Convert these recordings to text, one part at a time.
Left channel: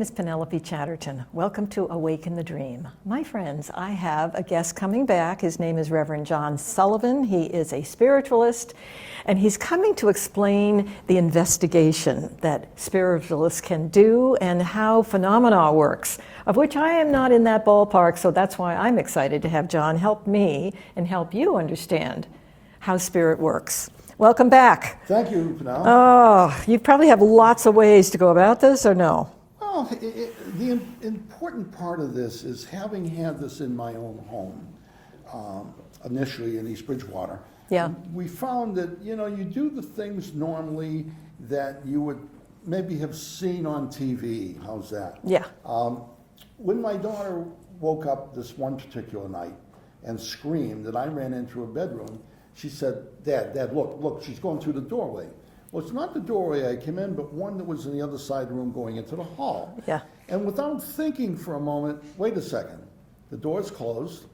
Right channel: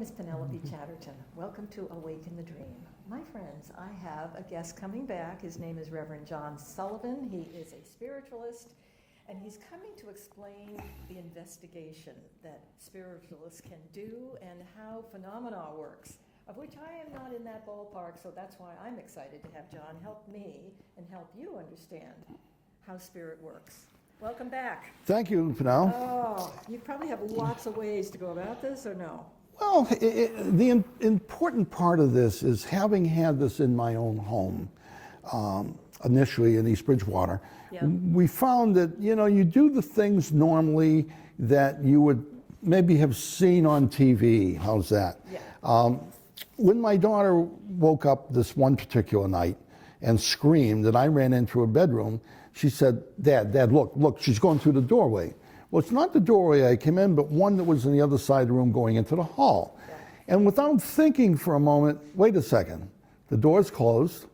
name is Penelope Chatterton. Welcome to Awaken the Dream. My friends, I have a guest coming back. His name is Reverend John Sullivan. He is a spiritualist, and he's coming to explain the investigation that spiritualists can do and how phenomena works, of which I am not in that ballpark, so that's why I'm excited to have John help me and help you understand how spirit works. Welcome back. Thank you, Penelope. Oh, you probably have lots of ways to go about this, or no? Well, the important part of this is having had this in my own home, initially in East Bridgewater. Yeah. We found that, you do the things normally that you would maybe have seen on TV. How's that? Yeah. When my daughter woke up this one particular night and screamed, and I ran into her bedroom, she said, Dad, look, she's going through the doorway. Well, it's not the doorway I came in, but one that was on the other side of the room going into the hall. Yeah. And without thinking for a moment, wait a second, the door's closed.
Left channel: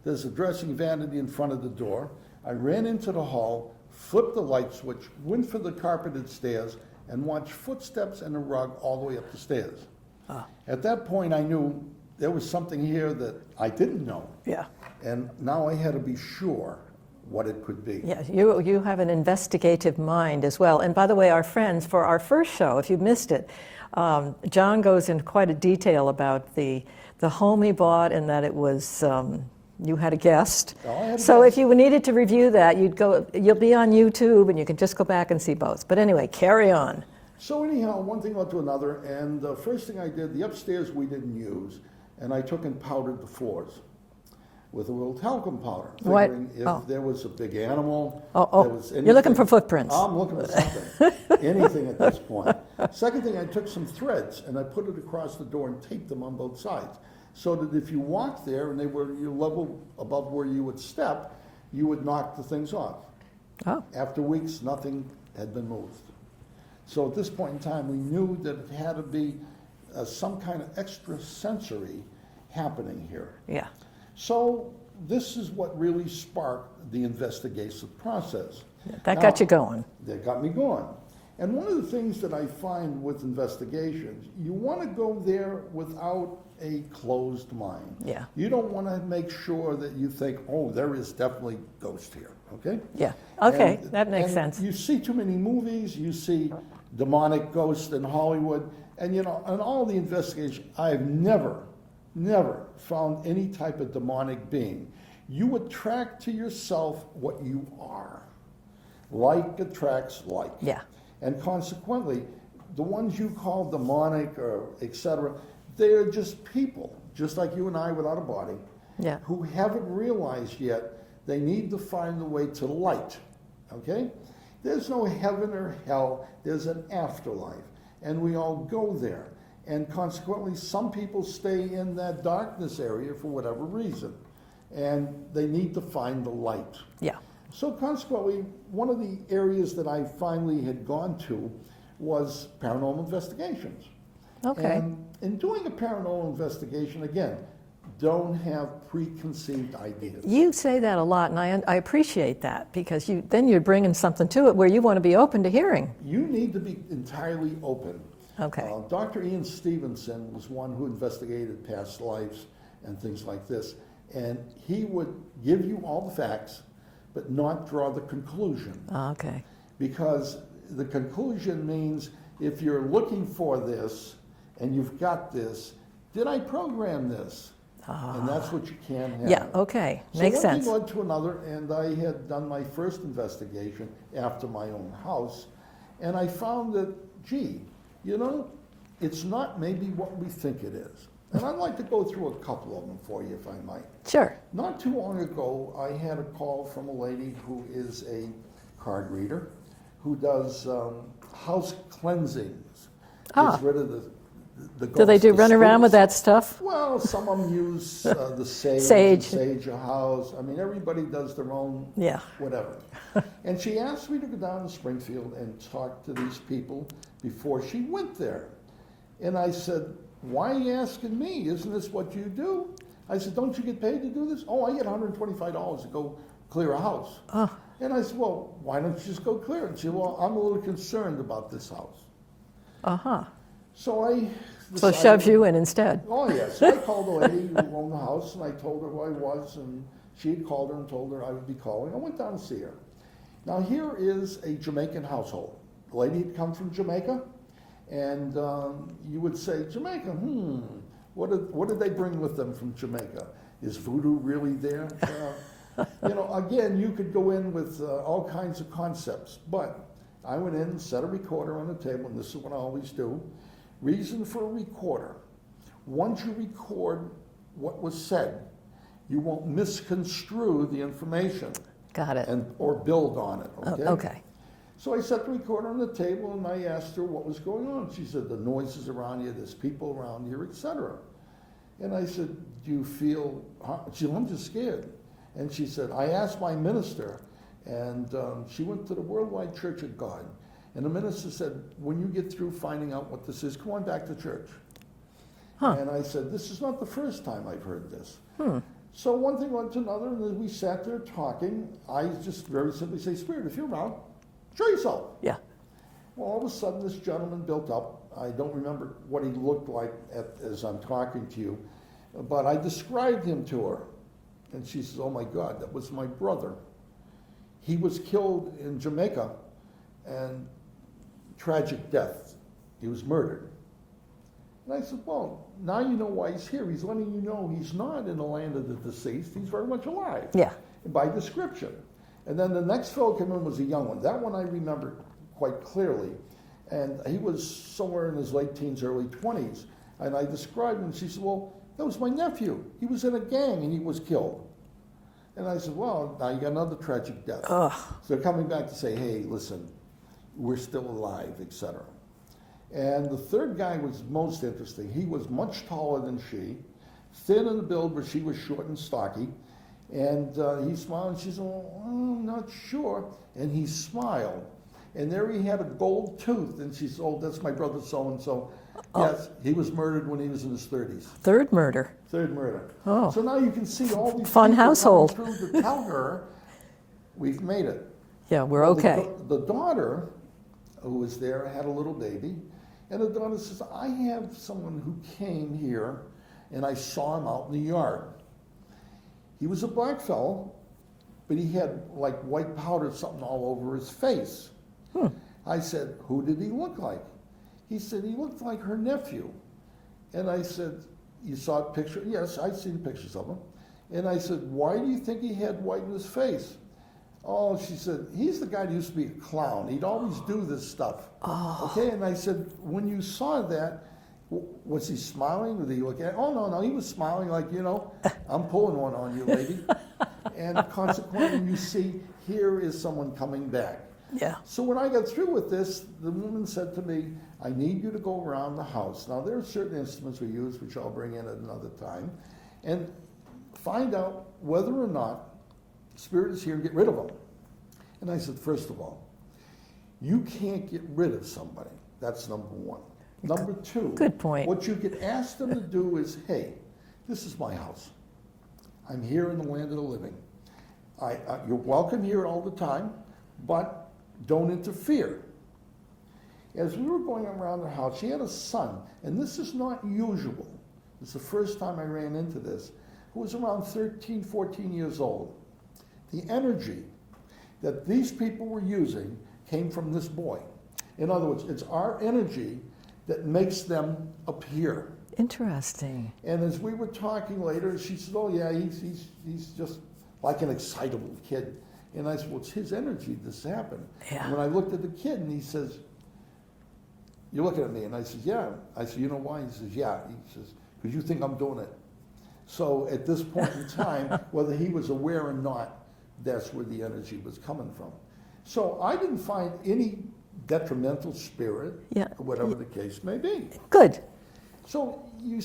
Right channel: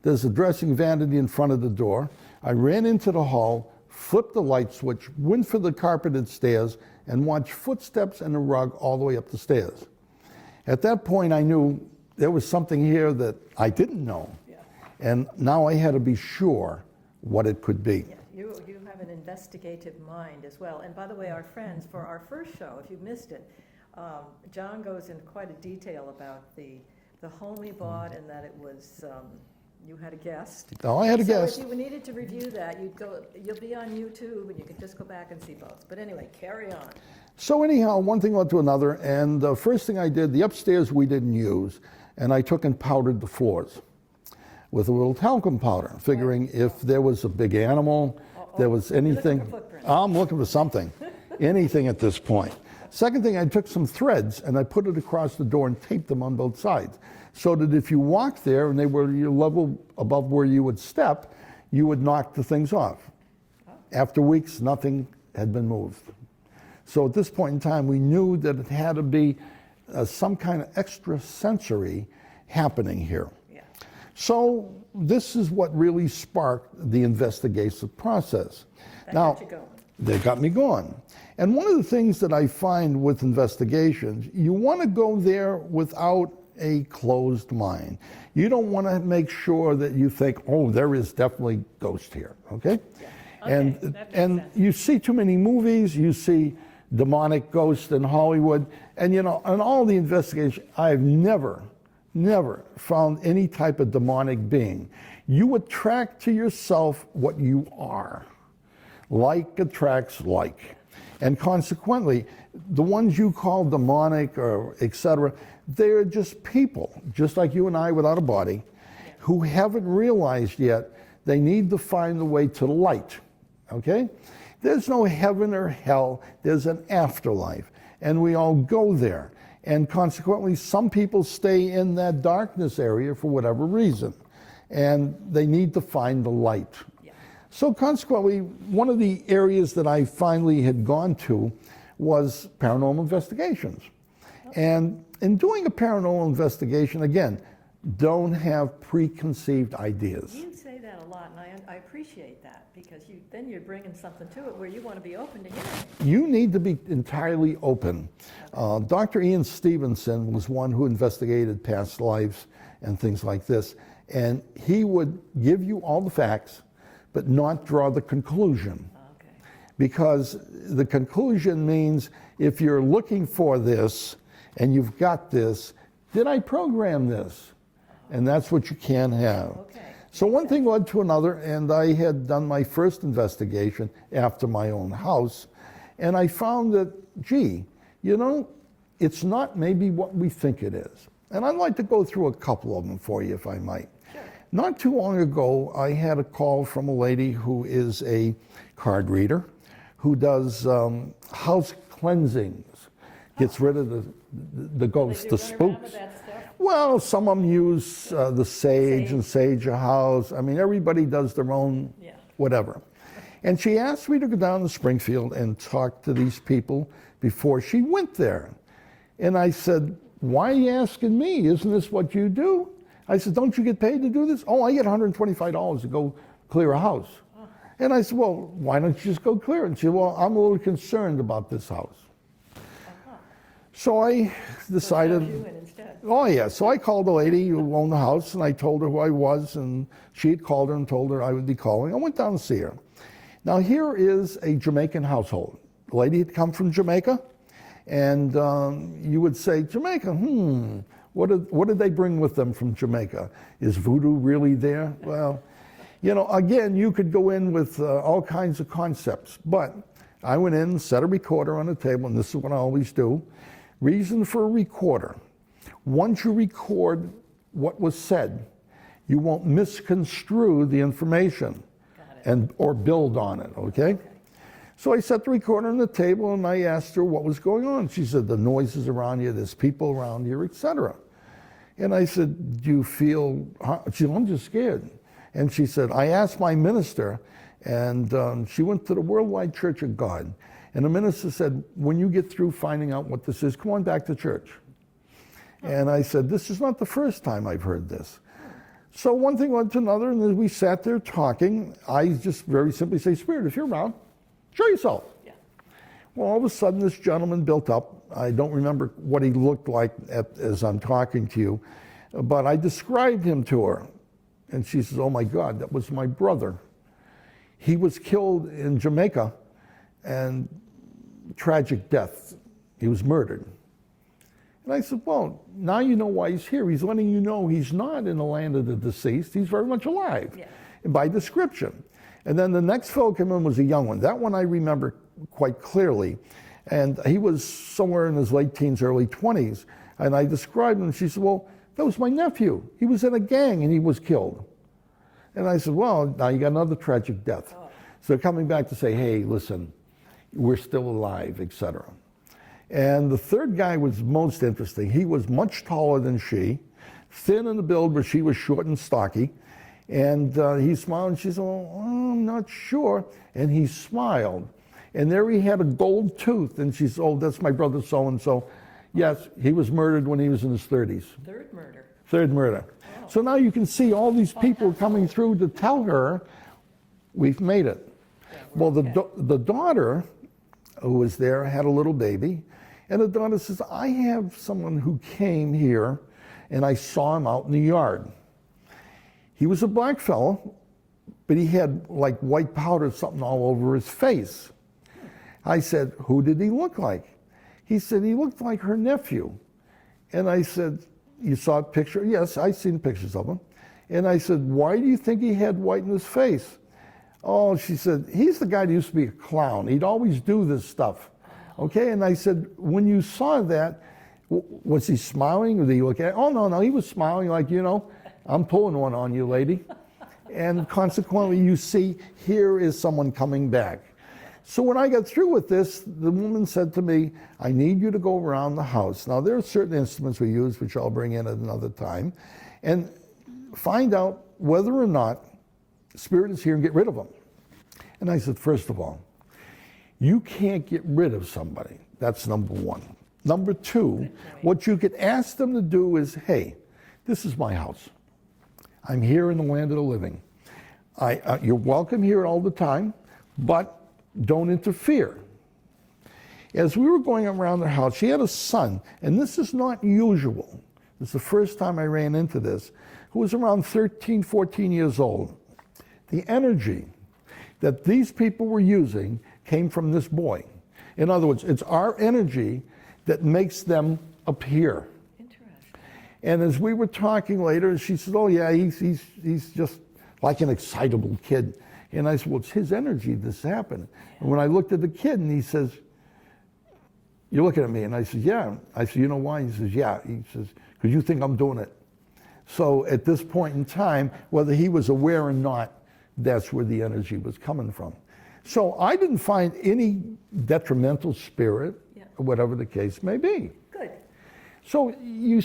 There's a dressing vanity in front of the door. I ran into the hall, flipped the light switch, went for the carpeted stairs, and watched footsteps and the rug all the way up the stairs. At that point, I knew there was something here that I didn't know. Yeah. And now I had to be sure what it could be. Yeah, you have an investigative mind as well. And by the way, our friends, for our first show, if you missed it, John goes into quite a detail about the home he bought and that it was, you had a guest. Oh, I had a guest. So if you needed to review that, you'll be on YouTube and you can just go back and see both. But anyway, carry on. So anyhow, one thing led to another, and the first thing I did, the upstairs we didn't use, and I took and powdered the floors with a little talcum powder, figuring if there was a big animal, there was anything. You're looking for footprints. I'm looking for something, anything at this point. Second thing, I took some threads and I put it across the door and taped them on both sides, so that if you walked there and they were your level above where you would step, you would knock the things off. Oh. After weeks, nothing had been moved. So at this point in time, we knew that it had to be some kind of extra sensory happening here. Yeah. So this is what really sparked the investigative process. That got you going. They got me going. And one of the things that I find with investigations, you want to go there without a closed mind. Yeah. You don't want to make sure that you think, oh, there is definitely ghost here, okay? Yeah, okay, that makes sense. You see too many movies, you see demonic ghosts in Hollywood, and in all the investigation, I have never found any type of demonic being. You attract to yourself what you are. Like attracts like. Yeah. And consequently, the ones you call demonic or etc., they're just people, just like you and I without a body, who haven't realized yet they need to find the way to the light, okay? There's no heaven or hell, there's an afterlife, and we all go there. And consequently, some people stay in that darkness area for whatever reason, and they need to find the light. Yeah. So consequently, one of the areas that I finally had gone to was paranormal investigations. Okay. And in doing a paranormal investigation, again, don't have preconceived ideas. You say that a lot, and I appreciate that, because then you're bringing something to it where you want to be open to hearing. You need to be entirely open. Okay. Dr. Ian Stevenson was one who investigated past lives and things like this, and he would give you all the facts, but not draw the conclusion. Okay. Because the conclusion means if you're looking for this and you've got this, did I program this? And that's what you can't have. Yeah, okay. So Makes one sense. thing led to another, and I had done my first investigation after my own house, and I found that, gee, it's not maybe what we think it is. And I'd like to go through a couple of them for you, if I might. Sure. Not too long ago, I had a call from a lady who is a card reader, who does house cleansings, gets rid of the ghosts. Do they run spooks. around with that stuff? Well, some of them use the sage and sage a house. I mean, everybody does their own whatever. And she asked me to go down to Springfield and talk to these people before she went there. And I said, why are you asking me? Isn't this what you do? I said, don't you get paid to do this? Oh, I get $125 to go clear a house. Oh. And I said, well, why don't you just go clear it? And she said, well, I'm a little concerned about this house. Uh-huh. So I decided... So shoves you in instead. Oh, yeah. So I called the lady who owned the house, and I told her who I was, and she had called her and told her I would be calling. I went down to see her. Now, here is a Jamaican household. The lady had come from Jamaica, and you would say, Jamaica, what did they bring with them from Jamaica? Is voodoo really there? Well, you know, again, you could go in with all kinds of concepts, but I went in, set a recorder on the table, and this is what I always do. Reason for a recorder. Once you record what was said, you won't misconstrue the information. Got it. Or build on it, okay? Okay. So I set the recorder on the table and I asked her what was going on. She said, the noises around you, there's people around here, etc. And I said, do you feel, she said, I'm just scared. And she said, I asked my minister, and she went to the Worldwide Church of God. And the minister said, when you get through finding out what this is, come on back to church. Huh. And I said, this is not the first time I've heard this. So one thing led to another, and as we sat there talking, I just very simply say, Spirit, if you're around, show yourself. Yeah. Well, all of a sudden, this gentleman built up. I don't remember what he looked like as I'm talking to you, but I described him to her. And she says, oh my God, that was my brother. He was killed in Jamaica, and tragic death. He was murdered. And I said, well, now you know why he's here. He's letting you know he's not in the land of the deceased. He's very much alive. Yeah. By description. And then the next fellow came in was a young one. That one I remember quite clearly. And he was somewhere in his late teens, early 20s. And I described him, and she said, well, that was my nephew. He was in a gang and he was killed. And I said, well, now you got another tragic death. Ugh. So they're coming back to say, hey, listen, we're still alive, etc. And the third guy was most interesting. He was much taller than she, thin in the build, but she was short and stocky. And he smiled, and she said, well, I'm not sure. And he smiled. And there he had a gold tooth. And she said, oh, that's my brother so-and-so. Oh. Yes, he was murdered when he was in his 30s. Third murder. Third murder. Oh. So now you can see all these Fun people household. coming through to tell her, we've made it. Yeah, we're okay. The daughter who was there had a little baby. And the daughter says, I have someone who came here, and I saw him out in the yard. He was a black fellow, but he had like white powder, something all over his face. I said, who did he look like? He said, he looked like her nephew. And I said, you saw a picture? Yes, I've seen pictures of him. And I said, why do you think he had white in his face? Oh, she said, he's the guy that used to be a clown. He'd always do this stuff. Oh. Okay, and I said, when you saw that, was he smiling? Did he look at? Oh, no, he was smiling like, you know, I'm pulling one on you, lady. And consequently, you see, here is someone coming back. Yeah. So when I got through with this, the woman said to me, I need you to go around the house. Now, there are certain instruments we use, which I'll bring in at another time, and find out whether or not Spirit is here and get rid of them. And I said, first of all, you can't get rid of somebody. That's number one. Number two, good point. What you could ask them to do is, hey, this is my house. I'm here in the land of the living. You're welcome here all the time, but don't interfere. As we were going around their house, she had a son, and this is not usual. It's the first time I ran into this, who was around 13, 14 years old. The energy that these people were using came from this boy. In other words, it's our energy that makes them appear. Interesting. And as we were talking later, she said, oh yeah, he's just like an excitable kid. And I said, well, it's his energy this happened. Yeah. And when I looked at the kid, and he says, you're looking at me. And I said, yeah. I said, you know why? He says, yeah. He says, because you think I'm doing it. So at this point in time, whether he was aware or not, that's where the energy was coming from. So I didn't find any detrimental spirit, whatever the case may be. Good. So you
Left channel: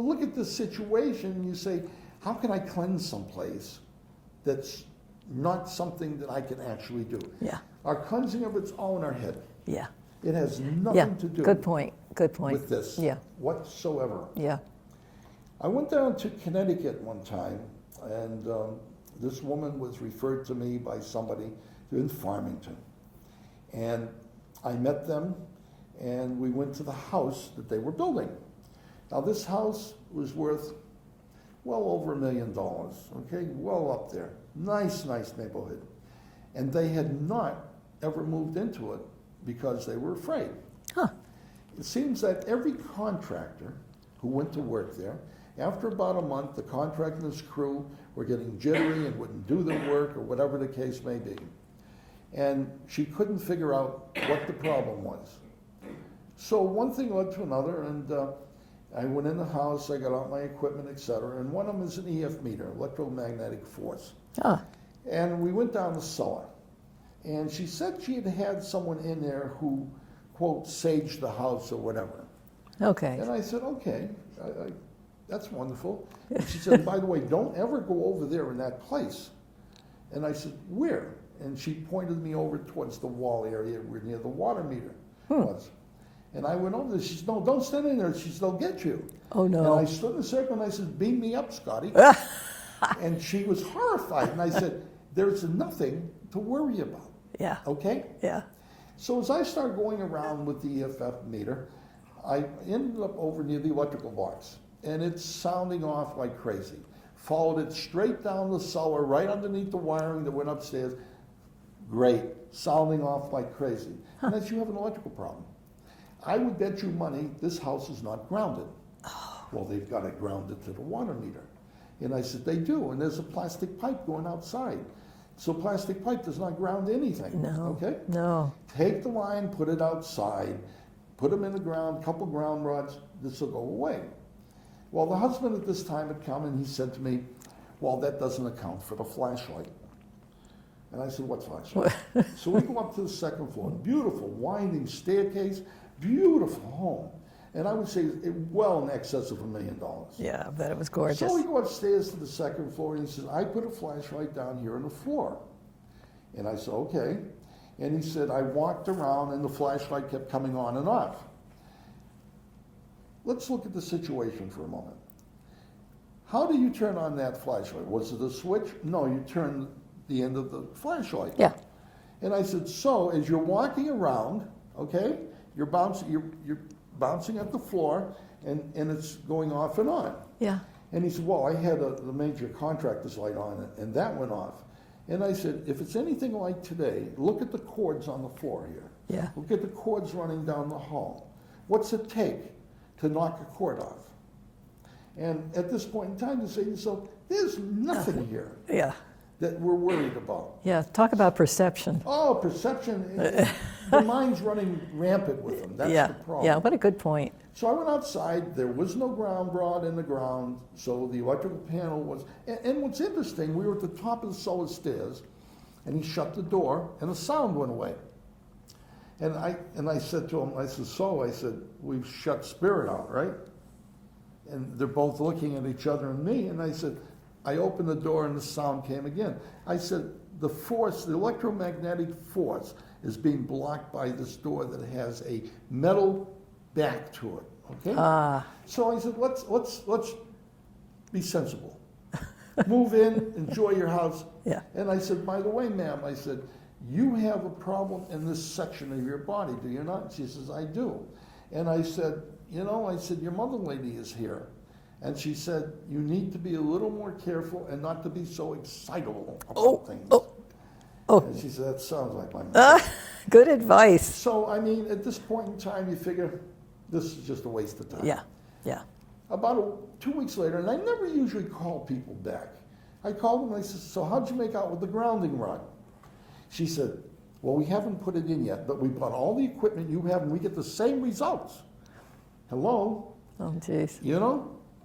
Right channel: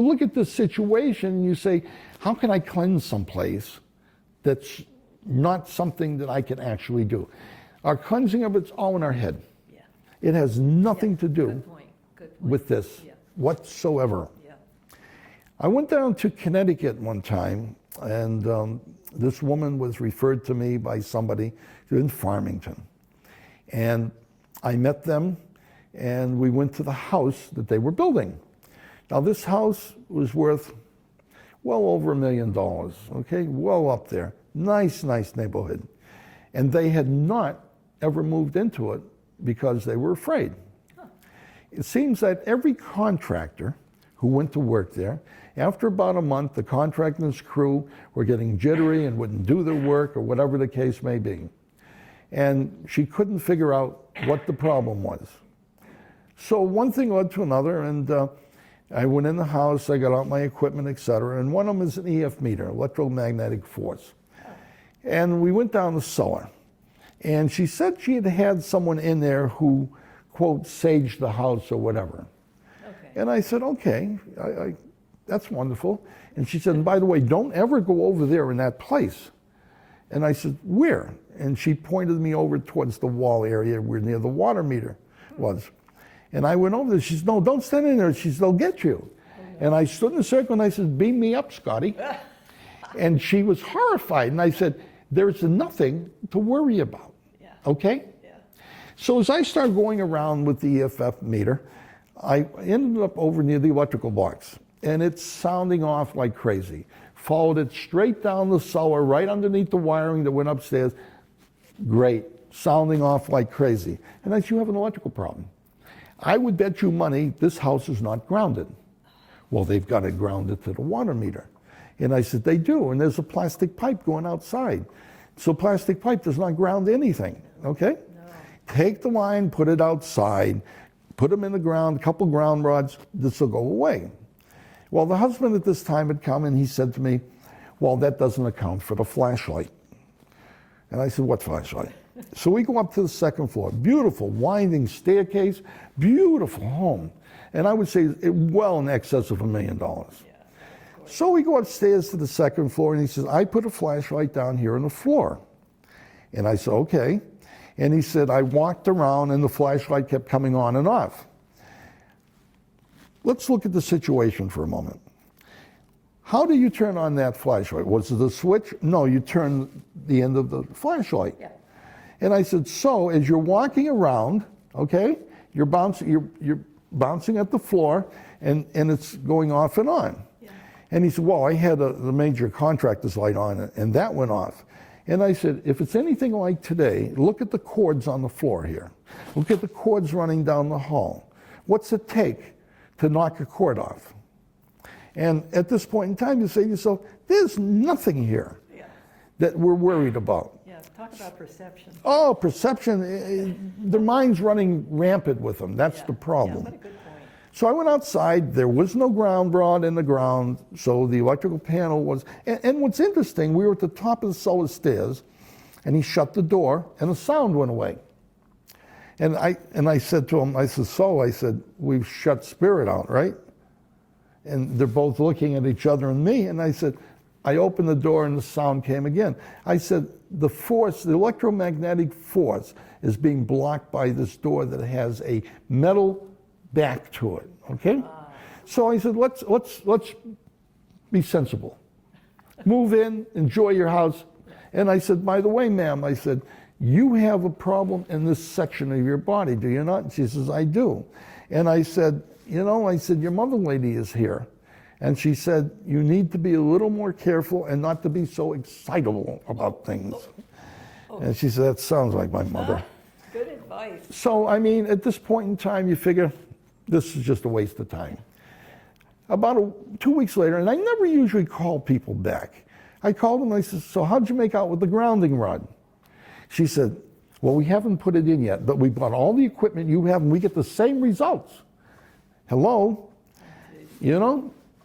look at this situation and you say, how can I cleanse someplace that's not something that I can actually do? Yeah. Our cleansing of it's all in our head. Yeah. It has nothing to do Good point. with this whatsoever. Yeah. I went down to Connecticut one time, and this woman was referred to me by somebody in Farmington. And I met them, and we went to the house that they were building. Now this house was worth well over $1 million, okay, well up there. Nice neighborhood. And they had not ever moved into it because they were afraid. Huh. It seems that every contractor who went to work there, after about a month, the contractor and his crew were getting jittery and wouldn't do their work or whatever the case may be. And she couldn't figure out what the problem was. So one thing led to another, and I went in the house, I got out my equipment, etc., and one of them is an EF meter, electromagnetic force. Oh. And we went down the cellar, and she said she had had someone in there who, quote, saged the house or whatever. Okay. And I said, okay, that's wonderful. And she said, and by the way, don't ever go over there in that place. And I said, where? And she pointed me over towards the wall area where near the water meter was. And I went over there. She said, no, don't stand in there. She said, they'll get you. Oh, no. And I stood in a circle and I said, beam me up, Scotty. And she was horrified. And I said, there's nothing to worry about. Yeah. Okay? Yeah. So as I started going around with the EFF meter, I ended up over near the electrical box. And it's sounding off like crazy. Followed it straight down the cellar, right underneath the wiring that went upstairs. Great. Sounding off like crazy. And I said, you have an electrical problem. I would bet you money this house is not grounded. Well, they've got it grounded to the water meter. And I said, they do, and there's a plastic pipe going outside. So plastic pipe does not ground anything, okay? No. Take the line, put it outside, put them in the ground, a couple ground rods, this will go away. Well, the husband at this time had come and he said to me, well, that doesn't account for the flashlight. And I said, what flashlight? So we go up to the second floor, beautiful winding staircase, beautiful home. And I would say well in excess of $1 million. Yeah, I bet it was gorgeous. So we go upstairs to the second floor and he says, I put a flashlight down here on the floor. And I said, okay. And he said, I walked around and the flashlight kept coming on and off. Let's look at the situation for a moment. How do you turn on that flashlight? Was it a switch? No, you turn the end of the flashlight. Yeah. And I said, so as you're walking around, okay, you're bouncing at the floor and it's going off and on. Yeah. And he said, well, I had the major contractor's light on and that went off. And I said, if it's anything like today, look at the cords on the floor here. Yeah. Look at the cords running down the hall. What's it take to knock a cord off? And at this point in time, you say to yourself, there's nothing here Yeah. that we're worried about. Yeah. Talk about perception. Oh, perception. The mind's running rampant with them. That's the problem. Yeah, what a good point. So I went outside. There was no ground rod in the ground, so the electrical panel was. And what's interesting, we were at the top of the cellar stairs, and he shut the door, and the sound went away. And I said to him, I said, we've shut spirit out, right? And they're both looking at each other and me, and I said, I opened the door and the sound came again. I said, the force, the electromagnetic force is being blocked by this door that has a metal back to it, okay? So I said, let's be sensible. Move in, enjoy your house. Yeah. And I said, by the way, ma'am, I said, you have a problem in this section of your body, do you not? She says, I do. And I said, your mother lady is here. And she said, you need to be a little more careful and not to be so excitable about things. And she said, that sounds like my mother. Good advice. So, I mean, at this point in time, you figure this is just a waste of time. Yeah, yeah. About 2 weeks later, and I never usually call people back. I called them and I said, so how'd you make out with the grounding rod? She said, well, we haven't put it in yet, but we bought all the equipment you have and we get the same results. Hello? Oh, jeez.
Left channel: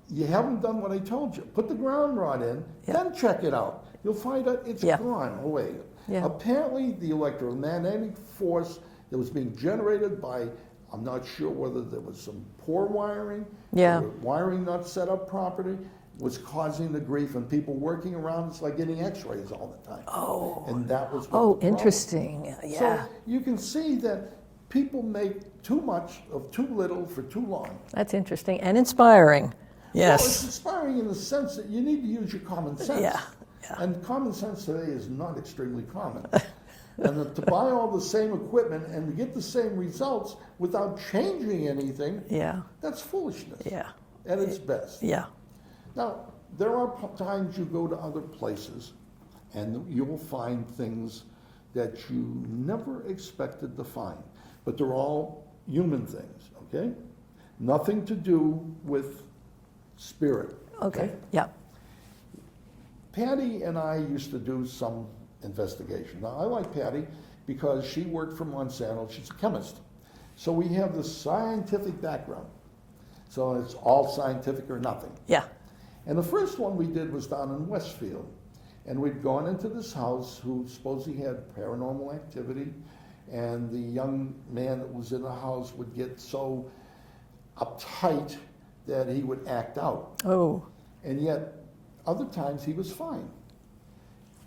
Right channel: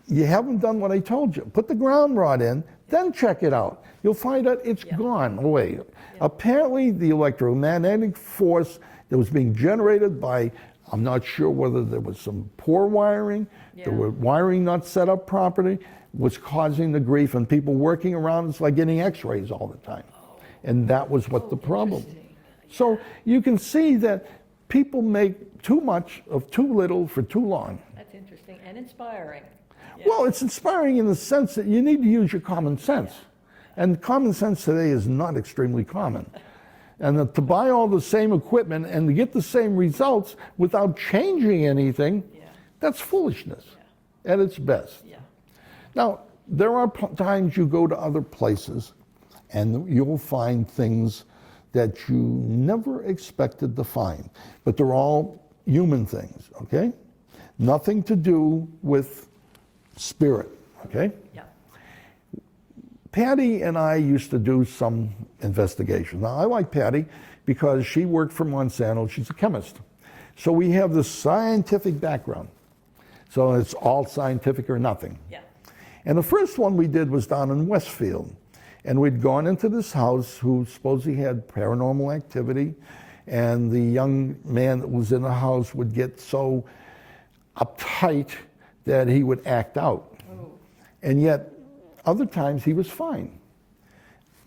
You haven't done what I told you. Put the ground rod in, then check it out. You'll find out it's gone away. Yeah. Apparently, the electromagnetic force that was being generated by, I'm not sure whether there was some poor wiring, or wiring not set up properly, was causing the grief, and people working around, it's like getting x-rays all the time. Oh. And that was what the problem. Interesting. Yeah. So you can see that people make too much of too little for too long. That's interesting and inspiring. Yes. Well, it's inspiring in the sense that you need to use your common sense. Yeah. And common sense today is not extremely common. And to buy all the same equipment and to get the same results without changing anything, Yeah. that's foolishness. Yeah. At its best. Yeah. Now, there are times you go to other places and you'll find things that you never expected to find. But they're all human things, okay? Nothing to do with spirit, okay? Yeah. Patty and I used to do some investigation. Now, I like Patty because she worked for Monsanto. She's a chemist. So we have this scientific background. So it's all scientific or nothing. Yeah. And the first one we did was down in Westfield. And we'd gone into this house who supposedly had paranormal activity. And the young man that was in the house would get so uptight that he would act out. Oh. And yet, other times he was fine.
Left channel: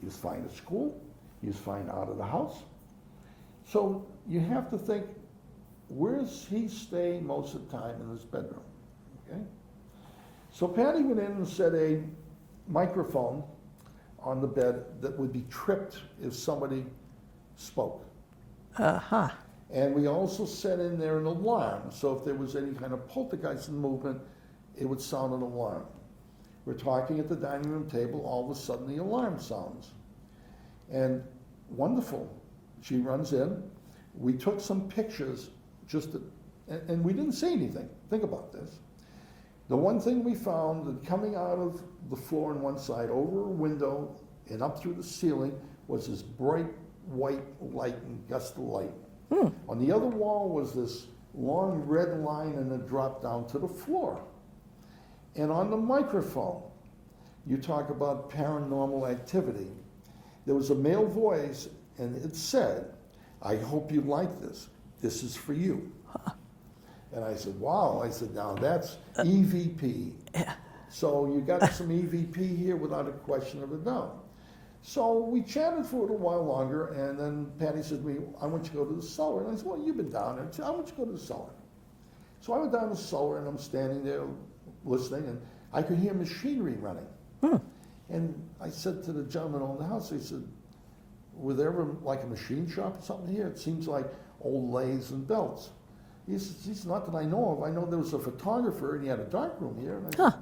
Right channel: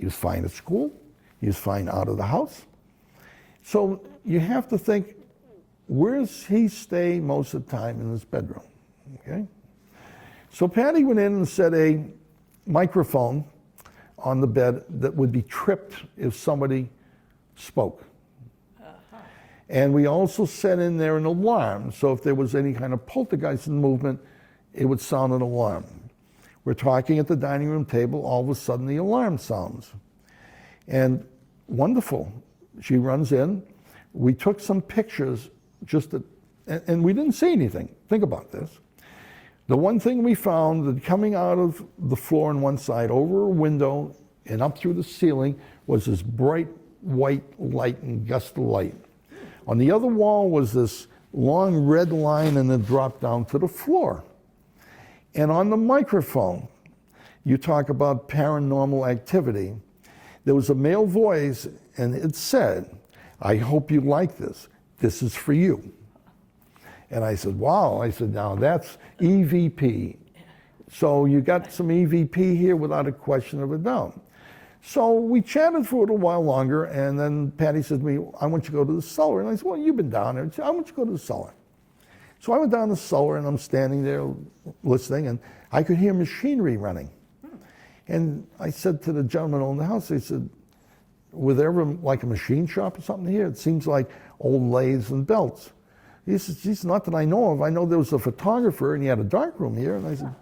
He was fine at school. He was fine out of the house. So you have to think, where does he stay most of the time? In his bedroom, okay? So Patty went in and set a microphone on the bed that would be tripped if somebody spoke. Uh-huh. And we also set in there an alarm, so if there was any kind of poltergeist in movement, it would sound an alarm. We're talking at the dining room table, all of a sudden the alarm sounds. And wonderful, she runs in. We took some pictures and we didn't see anything. Think about this. The one thing we found that coming out of the floor on one side over a window and up through the ceiling was this bright white light and gust of light. On the other wall was this long red line and it dropped down to the floor. And on the microphone, you talk about paranormal activity. There was a male voice and it said, "I hope you like this. This is for you." And I said, wow. I said, now that's EVP. So you got some EVP here without a question of a doubt. So we chatted for a little while longer, and then Patty said to me, "I want you to go to the cellar." And I said, "Well, you've been down there." She said, "I want you to go to the cellar." So I went down the cellar, and I'm standing there listening, and I could hear machinery running. And I said to the gentleman on the house, I said, "Were there ever like a machine shop or something here? It seems like old lathes and belts." He said, "Geez, not that I know of. I know there was a photographer and he had a dark room here." And I said,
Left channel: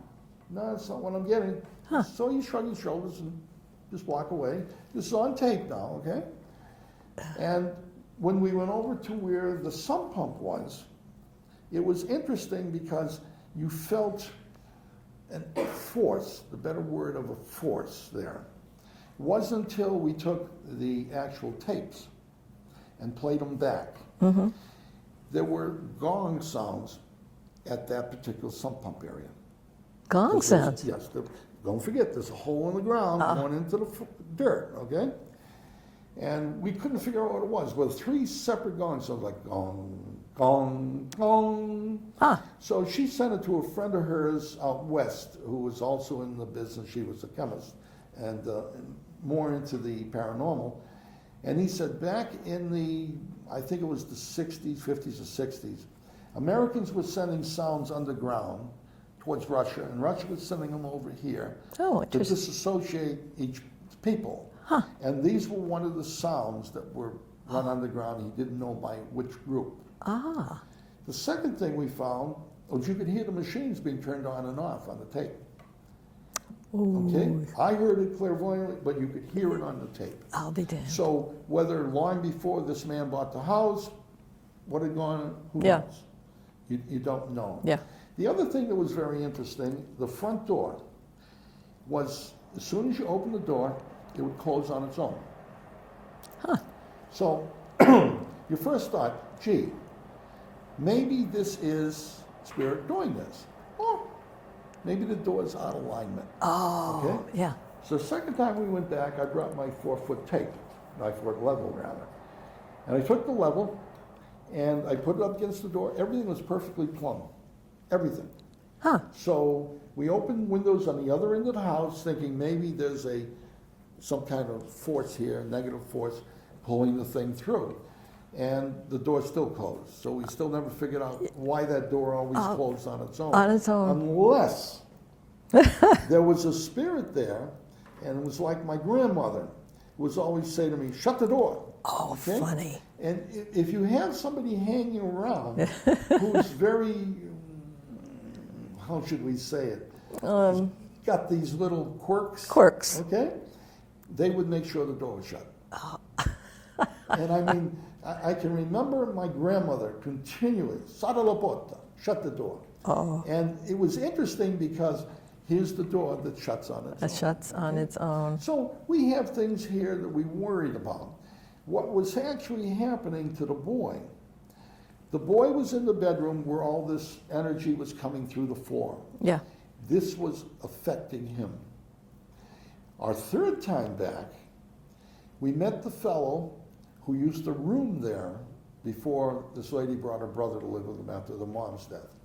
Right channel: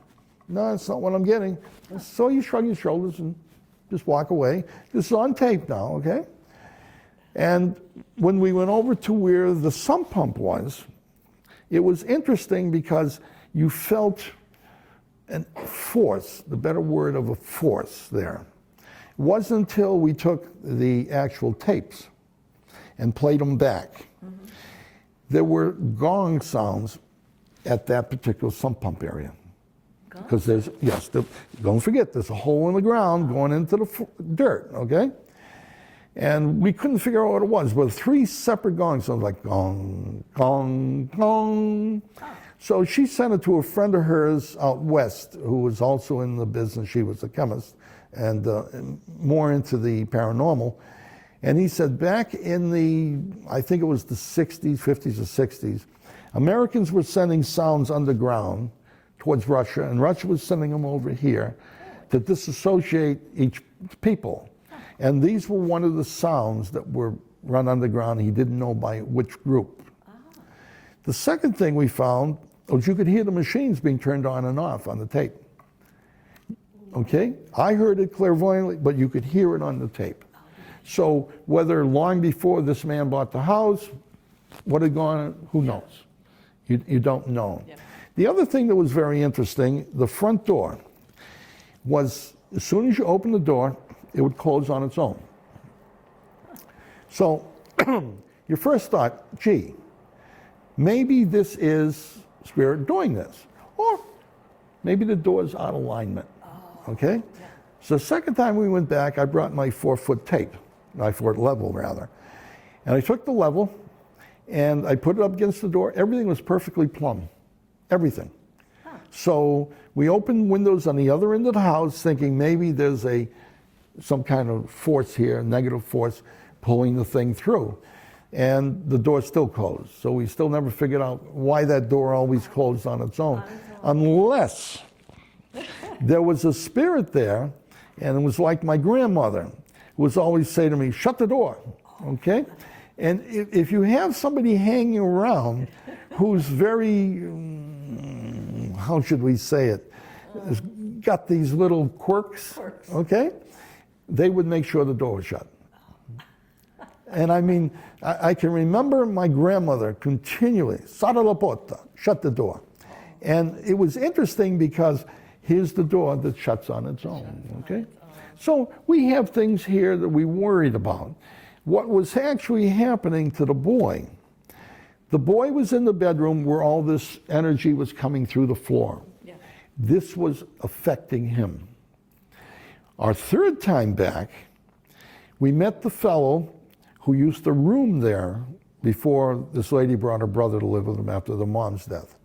"No, that's not what I'm getting." So you shrug your shoulders and just walk away. This is on tape now, okay? And when we went over to where the sump pump was, it was interesting because you felt a force, the better word of a force there. It wasn't until we took the actual tapes and played them back. There were gong sounds at that particular sump pump area. Gong sounds? Yes. Don't forget, there's a hole in the ground going into the dirt, okay? And we couldn't figure out what it was, but 3 separate gong sounds, like gong, gong, gong. So she sent it to a friend of hers out west who was also in the business. She was a chemist and more into the paranormal. And he said back in the, I think it was the 60s, 50s or 60s, Americans were sending sounds underground towards Russia, and Russia was sending them over here to disassociate each people. And these were one of the sounds that were run underground. He didn't know by which group. The second thing we found was you could hear the machines being turned on and off on the tape. Okay? I heard it clairvoyantly, but you could hear it on the tape. I'll be damned. So whether long before this man bought the house, what had gone, who knows? You don't know. The other thing that was very interesting, the front door was, as soon as you open the door, it would close on its own. So your first thought, gee, maybe this is spirit doing this. Or maybe the door's out of alignment. Okay? So the second time we went back, I brought my 4-foot tape, my 4-foot level rather. And I took the level and I put it up against the door. Everything was perfectly plumb. Everything. So we opened windows on the other end of the house thinking maybe there's some kind of force here, negative force, pulling the thing through. And the door still closed. So we still never figured out why that door always closed on its own. Unless there was a spirit there, and it was like my grandmother. was always say to me, shut the door. Oh, funny. And if you have somebody hanging around who's very, how should we say it, has got these little quirks, okay, they would make sure the door was shut. Oh. And I mean, I can remember my grandmother continually, "Sara la porta," shut the door. Oh. And it was interesting because here's the door that shuts on its own. It shuts on its own. So we have things here that we worried about. What was actually happening to the boy was in the bedroom where all this energy was coming through the floor. Yeah. This was affecting him. Our third time back, we met the fellow who used to room there before this lady brought her brother to live with him after the mom's death.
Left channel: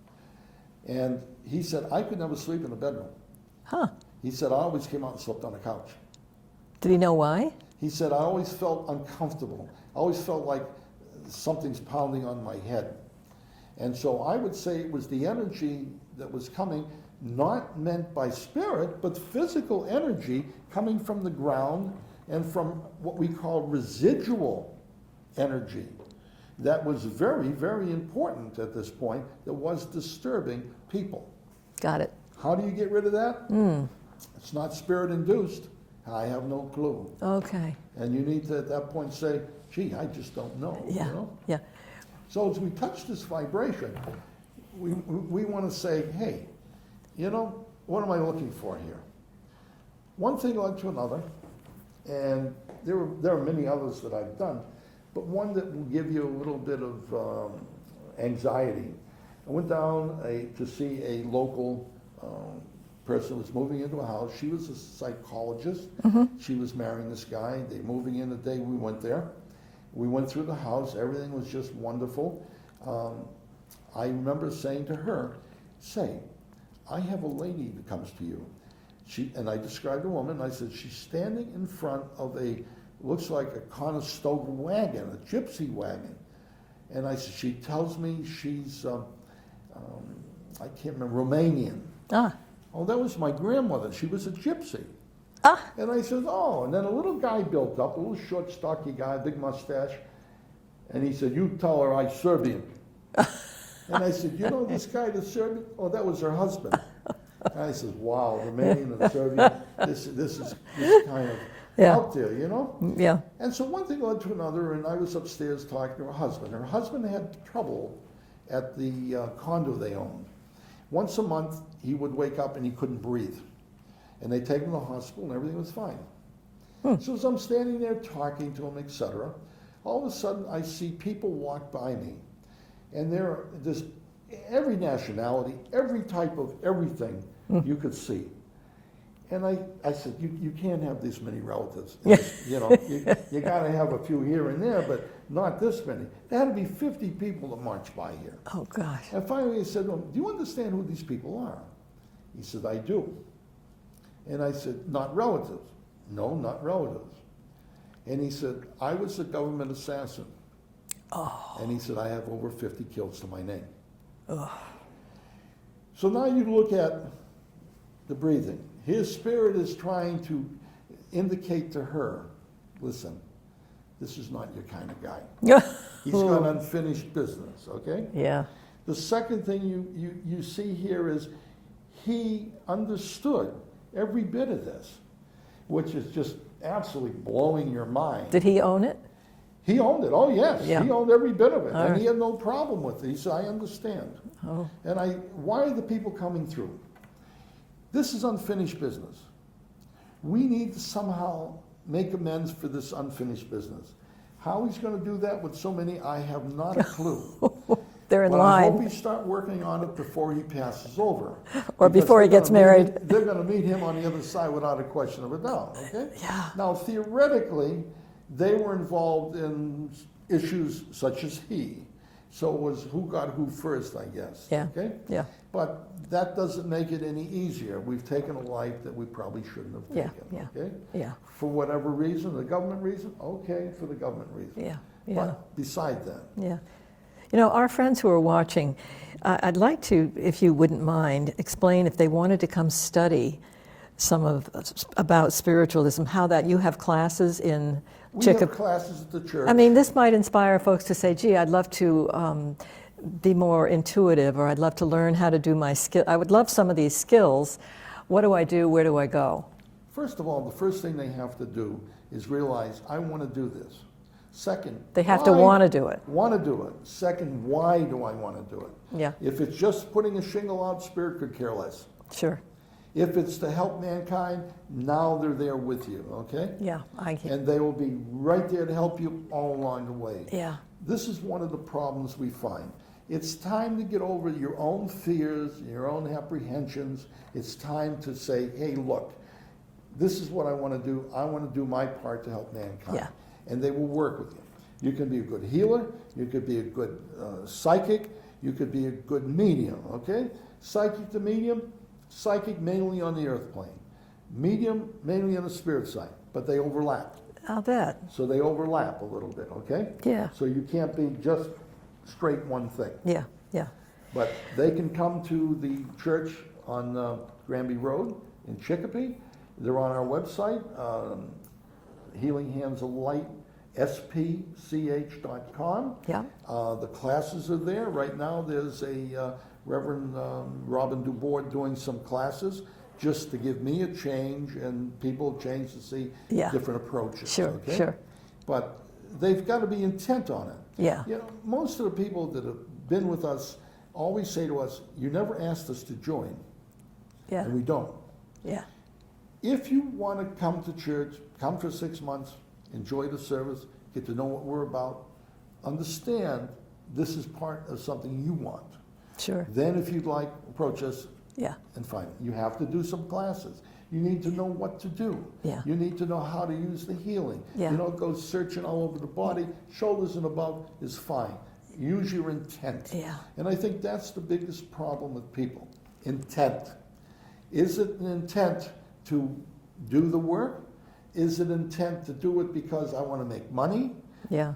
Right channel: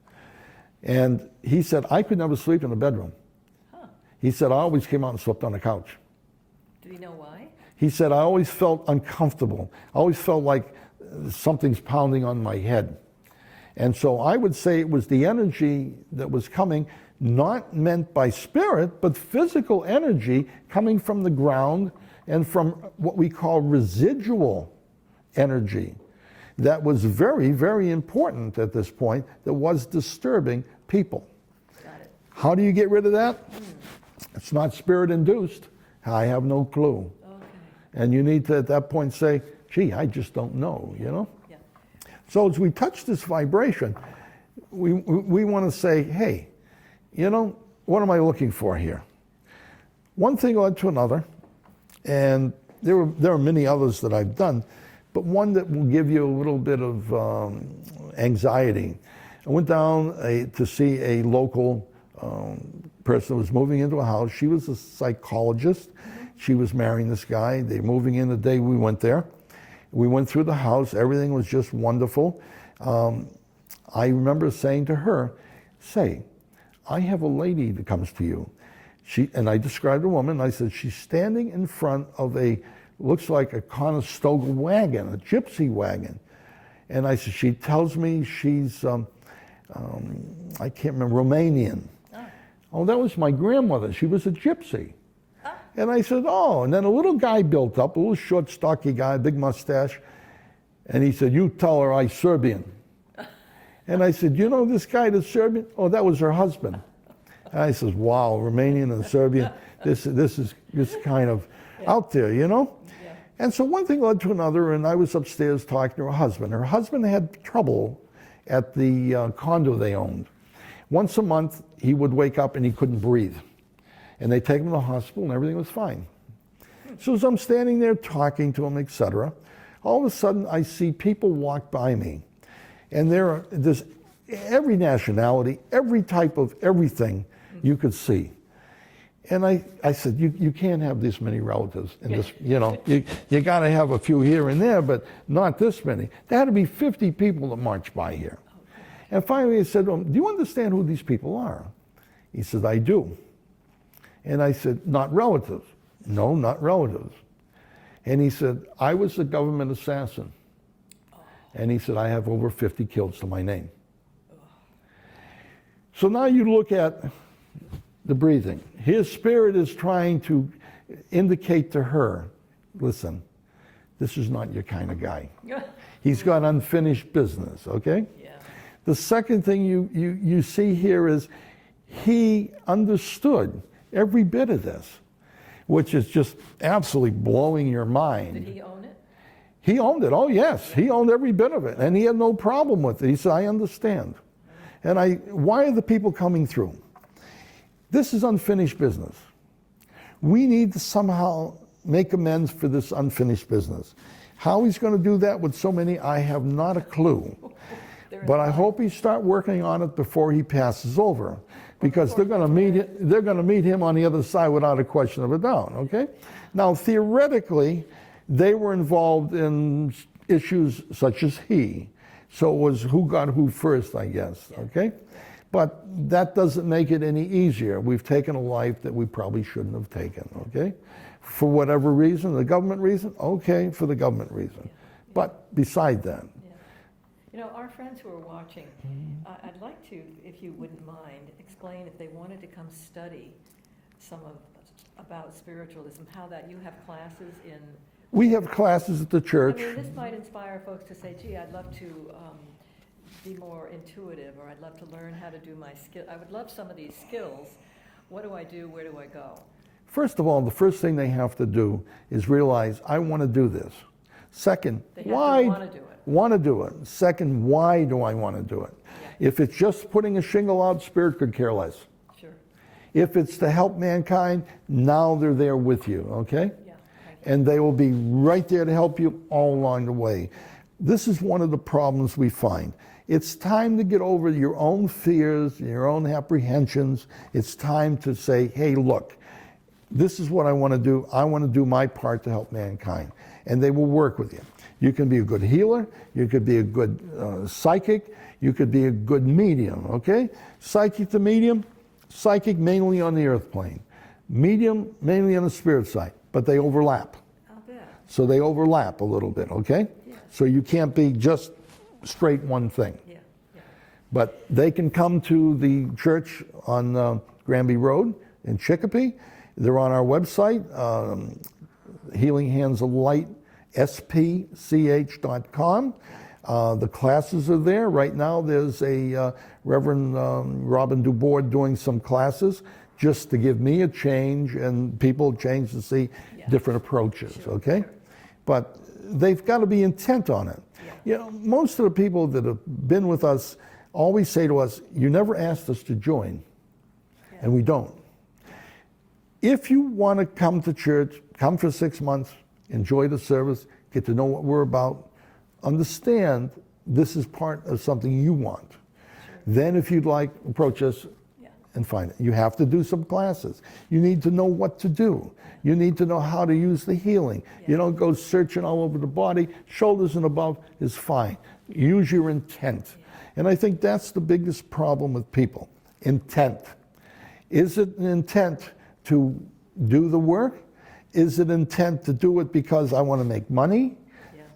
And he said, I could never sleep in the bedroom. Huh. He said, I always came out and slept on the couch. Did he know why? He said, I always felt uncomfortable. I always felt like something's pounding on my head. And so I would say it was the energy that was coming, not meant by spirit, but physical energy coming from the ground and from what we call residual energy. That was very, very important at this point, that was disturbing people. Got it. How do you get rid of that? It's not spirit induced. I have no clue. Okay. And you need to, at that point, say, gee, I just don't know, Yeah. you know? Yeah. So as we touch this vibration, we want to say, hey, you know, what am I looking for here? One thing led to another, and there are many others that I've done, but one that will give you a little bit of anxiety. I went down to see a local person who was moving into a house. She was a psychologist. She was marrying this guy. They were moving in the day we went there. We went through the house. Everything was just wonderful. I remember saying to her, say, I have a lady that comes to you. And I described the woman. I said, she's standing in front of looks like a Conestoga wagon, a gypsy wagon. And I said, she tells me she's, I can't remember, Romanian. Ah. Oh, that was my grandmother. She was a gypsy. Ah. And I said, oh. And then a little guy built up, a little short, stocky guy, big mustache. And he said, you tell her I'm Serbian. And I said, you know this guy that's Serbian? Oh, that was her husband. And I said, wow, Romanian and Serbian, this is kind of out there, you know? Yeah. And so one thing led to another, and I was upstairs talking to her husband. Her husband had trouble at the condo they owned. Once a month, he would wake up and he couldn't breathe. And they take him to the hospital and everything was fine. So as I'm standing there talking to him, etc., all of a sudden I see people walk by me. And there's every nationality, every type of everything you could see. And I said, you can't have this many relatives. In this, you know, you got to have a few here and there, but not this many. There had to be 50 people that marched by here. Oh, gosh. And finally I said to him, do you understand who these people are? He said, I do. And I said, not relatives. No, not relatives. And he said, I was a government assassin. Oh. And he said, I have over 50 kills to my name. Oh. So now you look at the breathing. His spirit is trying to indicate to her, listen, this is not your kind of guy. He's got unfinished business, okay? Yeah. The second thing you see here is he understood every bit of this, which is just absolutely blowing your mind. Did he own it? He owned it, oh yes. Yeah. He owned every bit of it, and he had no problem with it. He said, I understand. Oh. And why are the people coming through? This is unfinished business. We need to somehow make amends for this unfinished business. How he's going to do that with so many, I have not a clue. They're in but line. I hope he start working on it before he passes over. Or before he gets married. They're going to meet him on the other side without a question of a doubt, okay? Yeah. Now, theoretically, they were involved in issues such as he. So it was who got who first, I guess, okay? Yeah. But that doesn't make it any easier. We've taken a life that we probably shouldn't have taken, okay? Yeah. For whatever reason, the government reason, okay, for the government reason. Yeah. But beside that. Yeah. You know, our friends who are watching, I'd like to, if you wouldn't mind, explain if they wanted to come study about spiritualism, how that you have classes in We have classes at the church. I mean, this might inspire folks to say, gee, I'd love to be more intuitive, or I'd love to learn how to do my skill. I would love some of these skills. What do I do? Where do I go? First of all, the first thing they have to do is realize, I want to do this. Second, They have to want to do it. Want to do it. Second, why do I want to do it? Yeah. If it's just putting a shingle out, Spirit could care less. Sure. If it's to help mankind, now they're there with you, okay? Yeah, I get it. And they will be right there to help you all along the way. Yeah. This is one of the problems we find. It's time to get over your own fears, your own apprehensions. It's time to say, hey, look, this is what I want to do. I want to do my part to help mankind. Yeah. And they will work with you. You can be a good healer. You could be a good psychic. You could be a good medium, okay? Psychic to medium, psychic mainly on the earth plane. Medium mainly on the spirit side, but they overlap. I'll bet. So they overlap a little bit, okay? Yeah. So you can't be just straight one thing. Yeah, yeah. But they can come to the church on Granby Road in Chicopee. They're on our website, Healing Hands of Light, spch.com. Yeah. The classes are there. Right now there's a Reverend Robin Dubois doing some classes just to give me a change and people change to see different approaches. Sure, okay? sure. But they've got to be intent on it. Yeah. You know, most of the people that have been with us always say to us, you never asked us to join. Yeah. And we don't. Yeah. If you want to come to church, come for 6 months, enjoy the service, get to know what we're about, understand this is part of something you want. Sure. Then if you'd like, approach us and find it. You have to do some classes. You need to know what to do. Yeah. You need to know how to use the healing. Yeah. You don't go searching all over the body. Shoulders and above is fine. Use your intent. Yeah. And I think that's the biggest problem with people. Intent. Is it an intent to do the work? Is it intent to do it because I want to make money? Yeah.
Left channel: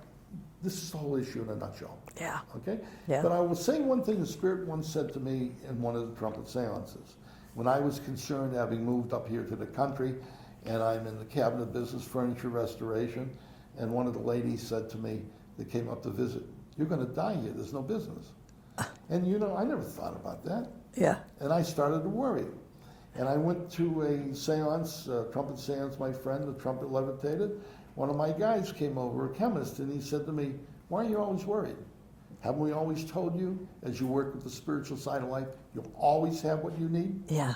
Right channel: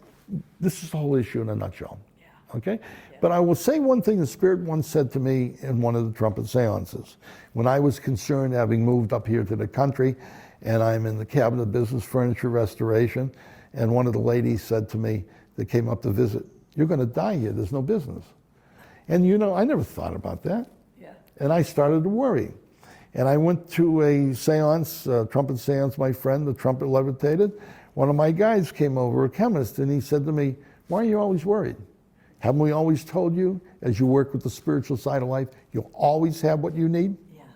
This is the whole issue in a nutshell. Yeah. Okay? Yeah. But I will say one thing the Spirit once said to me in one of the trumpet seances. When I was concerned, having moved up here to the country, and I'm in the cabinet business, furniture restoration, and one of the ladies said to me that came up to visit, you're going to die here, there's no business. And you know, I never thought about that. Yeah. And I started to worry. And I went to a seance, trumpet seance, my friend, the trumpet levitated. One of my guys came over, a chemist, and he said to me, why are you always worried? Haven't we always told you, as you work with the spiritual side of life, you'll always have what you need? Yeah.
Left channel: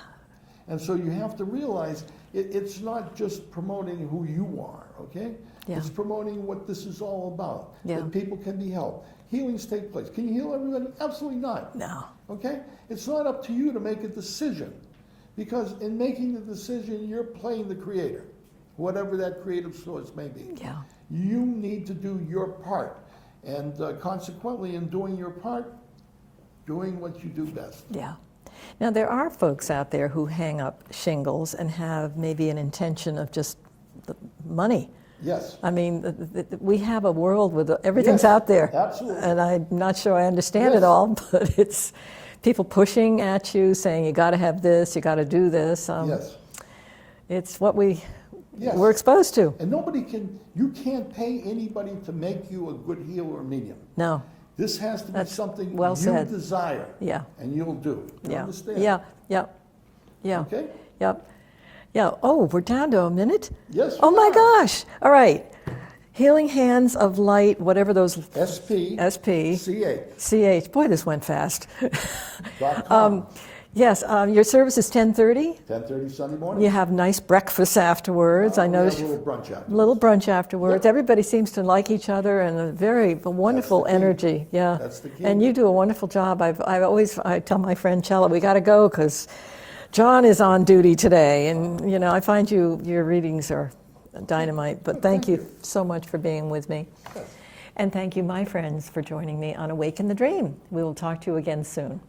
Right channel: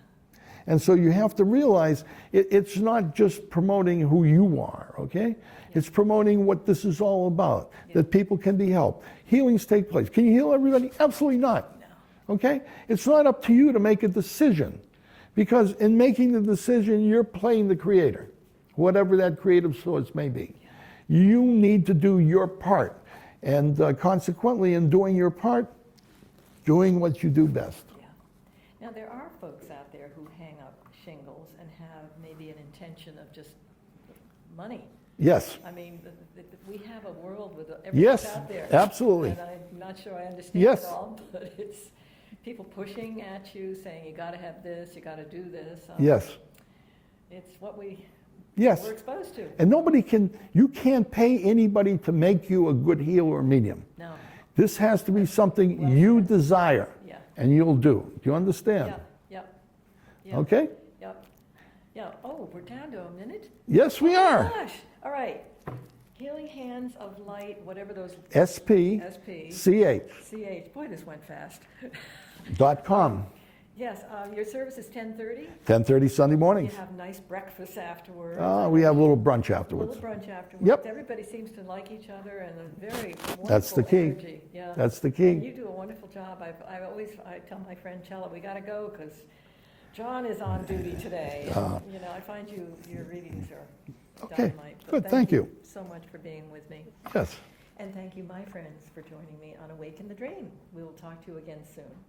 And so you have to realize it's not just promoting who you are, okay? Yeah. It's promoting what this is all about, that people can be helped. Healings take place. Can you heal everybody? Absolutely not. No. Okay? It's not up to you to make a decision, because in making the decision, you're playing the creator, whatever that creative source may be. Yeah. You need to do your part. And consequently, in doing your part, doing what you do best. Yeah. Now, there are folks out there who hang up shingles and have maybe an intention of just money. Yes. I mean, we have a world with everything's out there. Absolutely. And I'm not sure I understand it all, but it's people pushing at you, saying you got to have this, you got to do this. Yes. It's what we're Yes. exposed to. And you can't pay anybody to make you a good healer or medium. No. This has to be something well you said. desire. Yeah. And you'll do. Do you Yeah. understand? Yeah. Yeah. Okay? Yep. Yeah. Oh, we're down to a minute? Yes, we Oh are. my gosh. All right. Healing Hands of Light, whatever those. SP. CH. Boy, this went fast. .com. Yes. Your service is 10:30. 10:30 Sunday morning. You have nice breakfast afterwards. I We know. have a little brunch afterwards. Little brunch afterwards. Yep. Everybody seems to like each other and a wonderful key. energy. Yeah. That's the key. And you do a wonderful job. I tell my friend Chella, we got to go because John is on duty today, and you know I find your readings are dynamite. But Good, thank thank you you. so much for being with me. Yes. And thank you, my friends, for joining me on Awaken the Dream. We will talk to you again soon.